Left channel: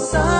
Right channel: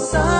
Hosanna.